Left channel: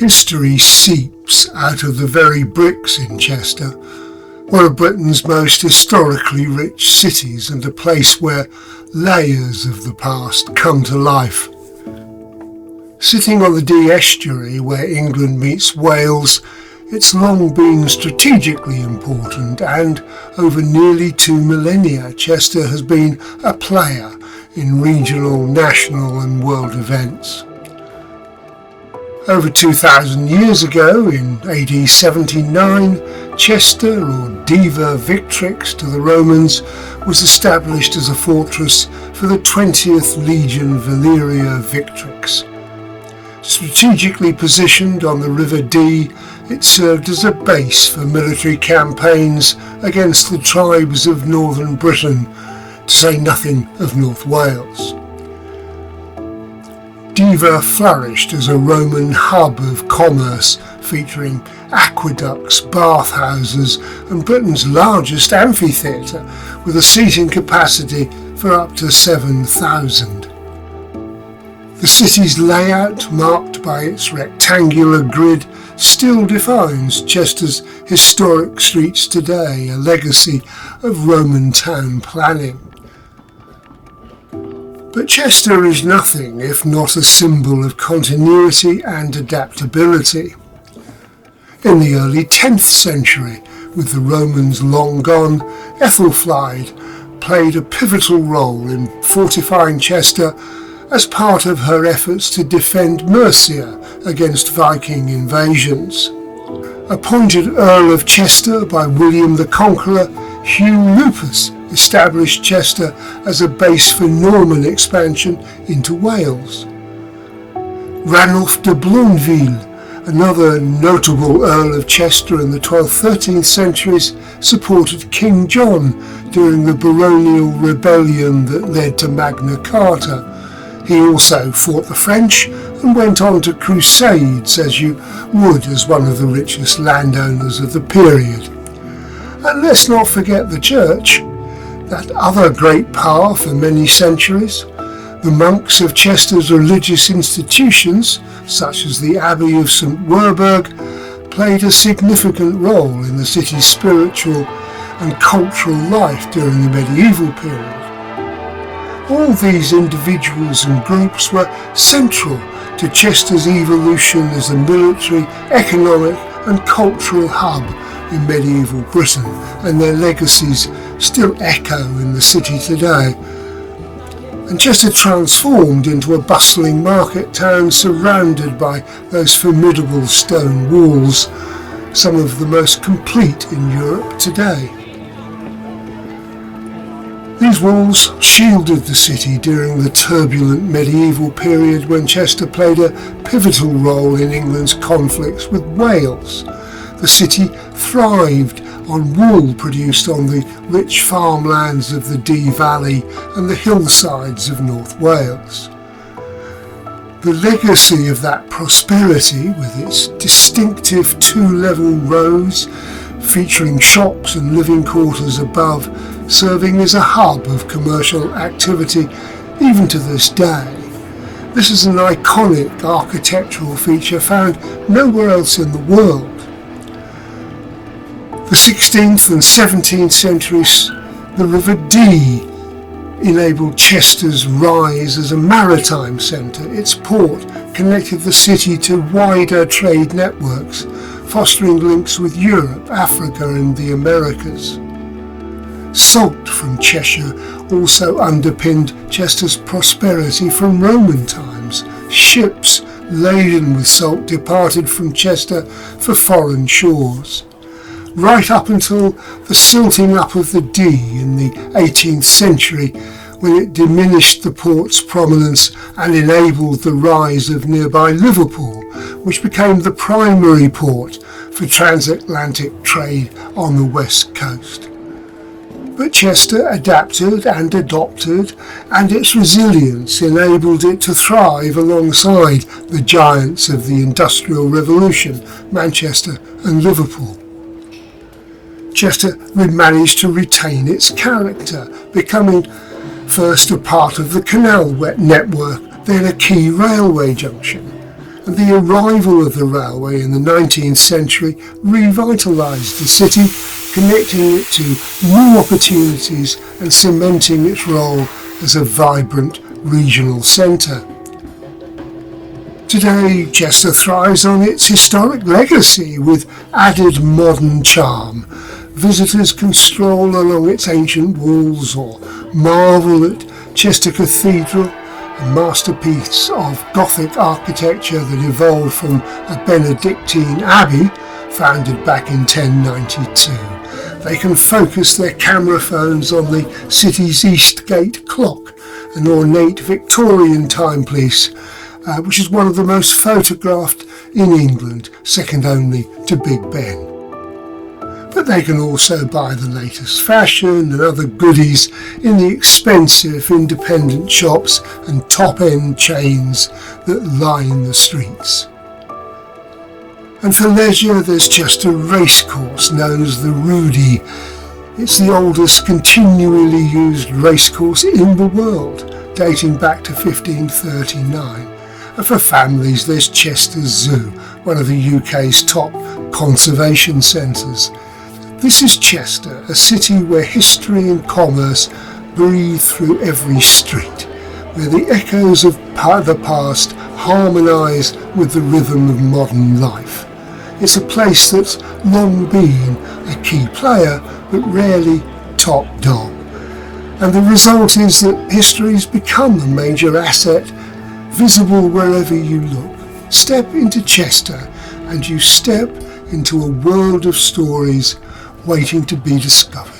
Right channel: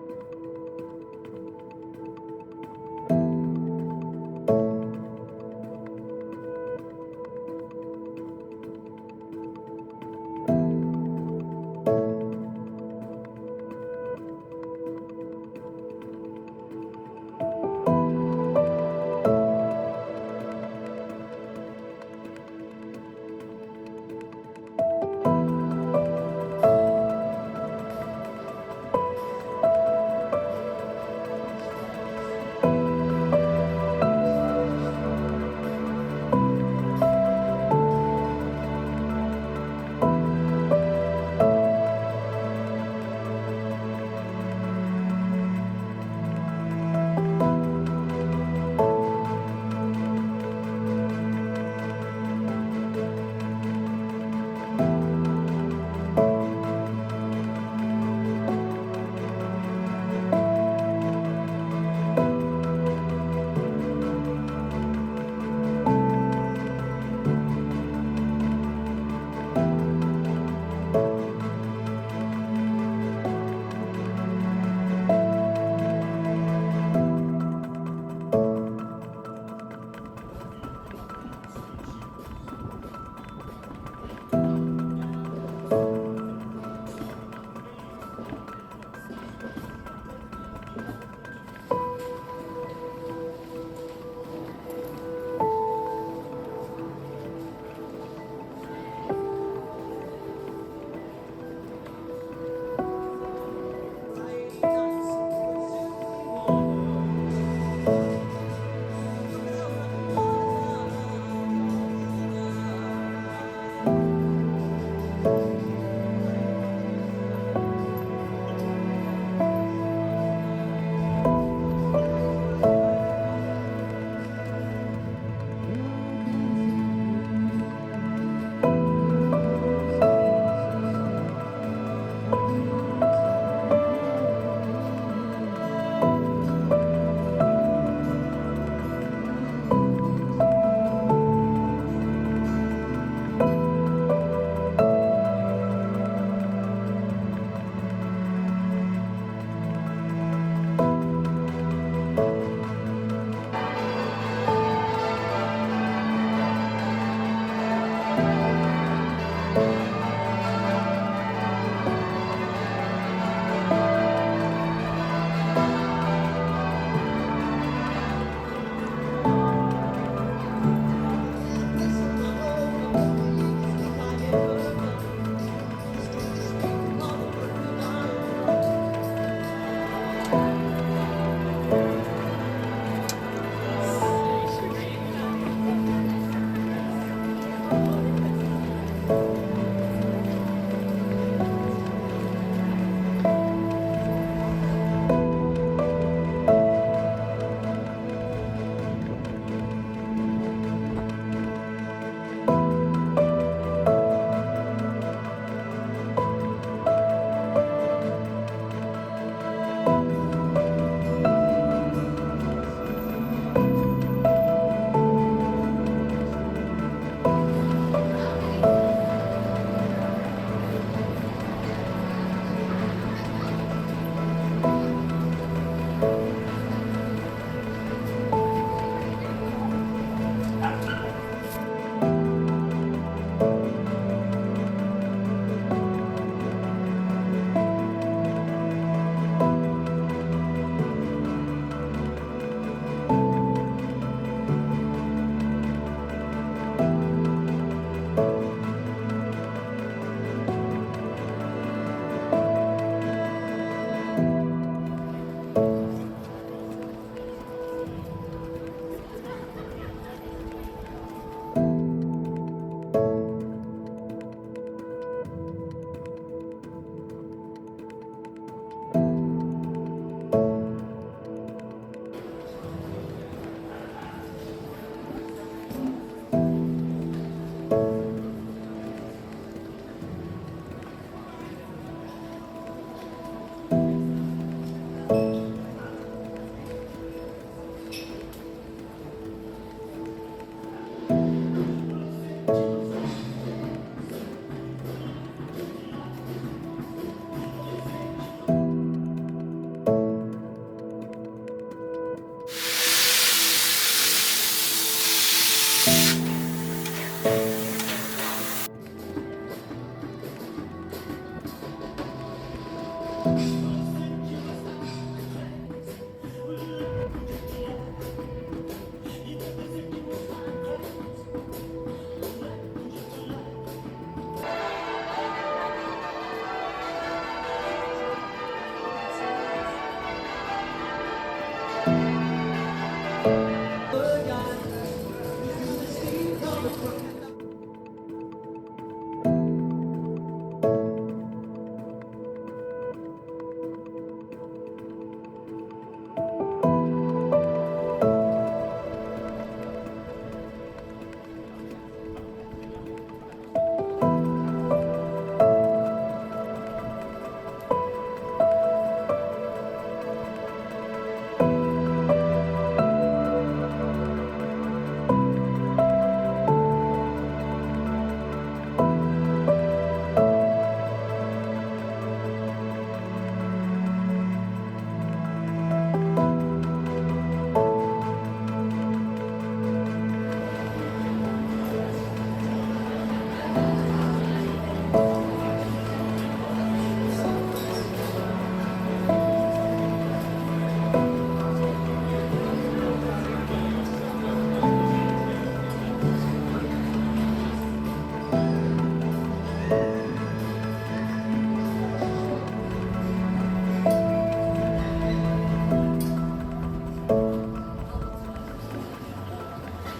History seeps out of the very bricks in Chester, one of Britain's most historically rich cities and a place where layers of the past come to life. Sitting on the Dee estuary where England meets Wales, it's long been strategically important, and over nearly 2 millennia Chester has been a player in regional, national and world events. Over 2,000 years ago, in AD 79, Chester, or Diva Victrix to the Romans, was established as a fortress for the 20th Legion Valeria Victrix. Strategically positioned on the River Dee, it served as a base for military campaigns against the tribes of northern Britain, to say nothing of North Wales. Diva flourished as a Roman hub of commerce, featuring aqueducts, bathhouses and Britain's largest amphitheatre, with a seating capacity for up to 7,000. The city's layout, marked by its rectangular grid, still defines Chester's historic streets today, a legacy of Roman town planning. But Chester is nothing if not a symbol of continuity and adaptability. In the early 10th century, with the Romans long gone, Ethelflaed played a pivotal role in fortifying Chester as part of her efforts to defend Mercia against Viking invasions. Appointed Earl of Chester by William the Conqueror, Hugh Lupus established Chester as a base for Norman expansion into Wales. Ranulph de Blondeville, another notable Earl of Chester in the 12th-13th centuries, supported King John during the baronial rebellion that led to Magna Carta. He also fought the French and went on to crusades, as you would as one of the richest landowners of the period. And let's not forget the church, that other great power for many centuries. The monks of Chester's religious institutions, such as the Abbey of St Werburgh, played a significant role in the city's spiritual and cultural life during the medieval period. All these individuals and groups were central to Chester's evolution as a military, economic and cultural hub in medieval Britain, and their legacies still echo in the city today. And Chester transformed into a bustling market town surrounded by those formidable stone walls, some of the most complete in Europe today. These walls shielded the city during the turbulent medieval period when Chester played a pivotal role in England's conflicts with Wales. The city thrived on wool produced on the rich farmlands of the Dee Valley and the hillsides of North Wales. The legacy of that prosperity, with its distinctive two-level roads featuring shops and living quarters above, serving as a hub of commercial activity even to this day. This is an iconic architectural feature found nowhere else in the world. The 16th and 17th centuries, the River Dee enabled Chester's rise as a maritime centre. Its port connected the city to wider trade networks, fostering links with Europe, Africa and the Americas. Salt from Cheshire also underpinned Chester's prosperity from Roman times. Ships laden with salt departed from Chester for foreign shores. Right up until the silting up of the Dee in the 18th century, when it diminished the port's prominence and enabled the rise of nearby Liverpool, which became the primary port for transatlantic trade on the west coast. But Chester adapted and adopted, and its resilience enabled it to thrive alongside the giants of the Industrial Revolution, Manchester and Liverpool. Chester managed to retain its character, becoming first a part of the canal network, then a key railway junction. and the arrival of the railway in the 19th century revitalised the city, connecting it to new opportunities and cementing its role as a vibrant regional centre. Today, Chester thrives on its historic legacy with added modern charm. Visitors can stroll along its ancient walls or marvel at Chester Cathedral, a masterpiece of Gothic architecture that evolved from a Benedictine abbey founded back in 1092. They can focus their camera phones on the city's East Gate clock, an ornate Victorian timepiece, which is one of the most photographed in England, second only to Big Ben. But they can also buy the latest fashion and other goodies in the expensive independent shops and top-end chains that line the streets. And for leisure, there's just a racecourse known as the Rudi. It's the oldest continually used racecourse in the world, dating back to 1539. And for families, there's Chester Zoo, one of the UK's top conservation centres. This is Chester, a city where history and commerce breathe through every street, where the echoes of the past harmonise with the rhythm of modern life. It's a place that's long been a key player, but rarely top dog. And the result is that history's become a major asset, visible wherever you look. Step into Chester and you step into a world of stories waiting to be discovered.